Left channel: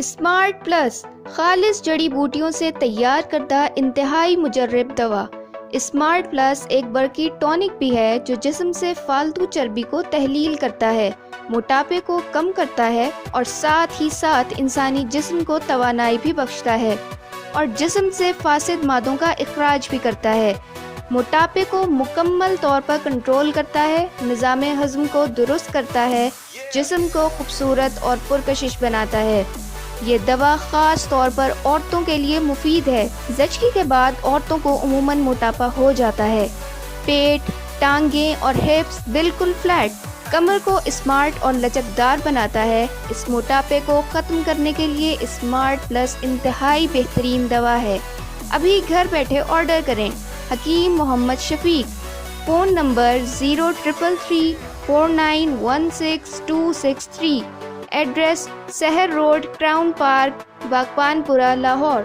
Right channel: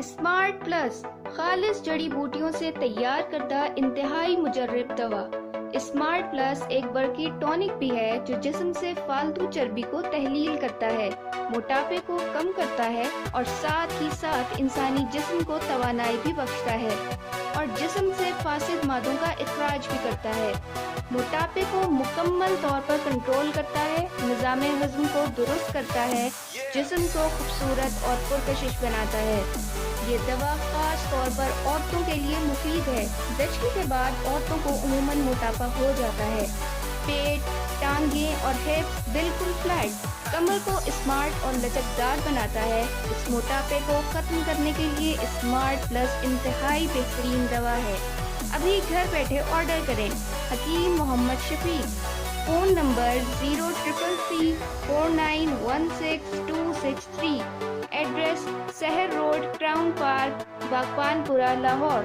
Smart plus خالص جڑی بوٹیوں سے تیار کردہ انتہائی مجرب دوا۔ اسمارٹ پلس ایک برقی ٹونک بھی ہے جو جسم سے فالتو چربی کو تحلیل کرتا ہے، موٹاپے کو کم کرتا ہے اور ساتھ ہی ساتھ انسانی جسم کو توانائی بھی بخشتا ہے اور جسم سے فاسد مادوں کا اخراج بھی کرتا ہے، موٹاپے کو مکمل طور پر کنٹرول کرتا ہے، نظام ہضم کو درست کرتا ہے، جسم کو خوبصورت اور پرکشش بناتا ہے۔ یہ دوا خاص طور پر عورتوں کے لیے مفید ہے۔ زچگی کے بعد عورتوں کو عموماً موٹاپا ہو جاتا ہے، پیٹ، ٹانگیں اور ہپس بالکل فلیٹ۔ کمر کو اسمارٹ اور لچکدار بناتا ہے۔ اس موٹاپے کو ختم کرنے کے لیے اسمارٹ پلس انتہائی بہترین دوا ہے۔ ابھی گھر بیٹھے آرڈر کریں۔ حکیم محمد شفیق، فون نمبر 0333491663، ایڈریس سحر روڈ، کراؤن پارک، باغبان پورہ، لاہور۔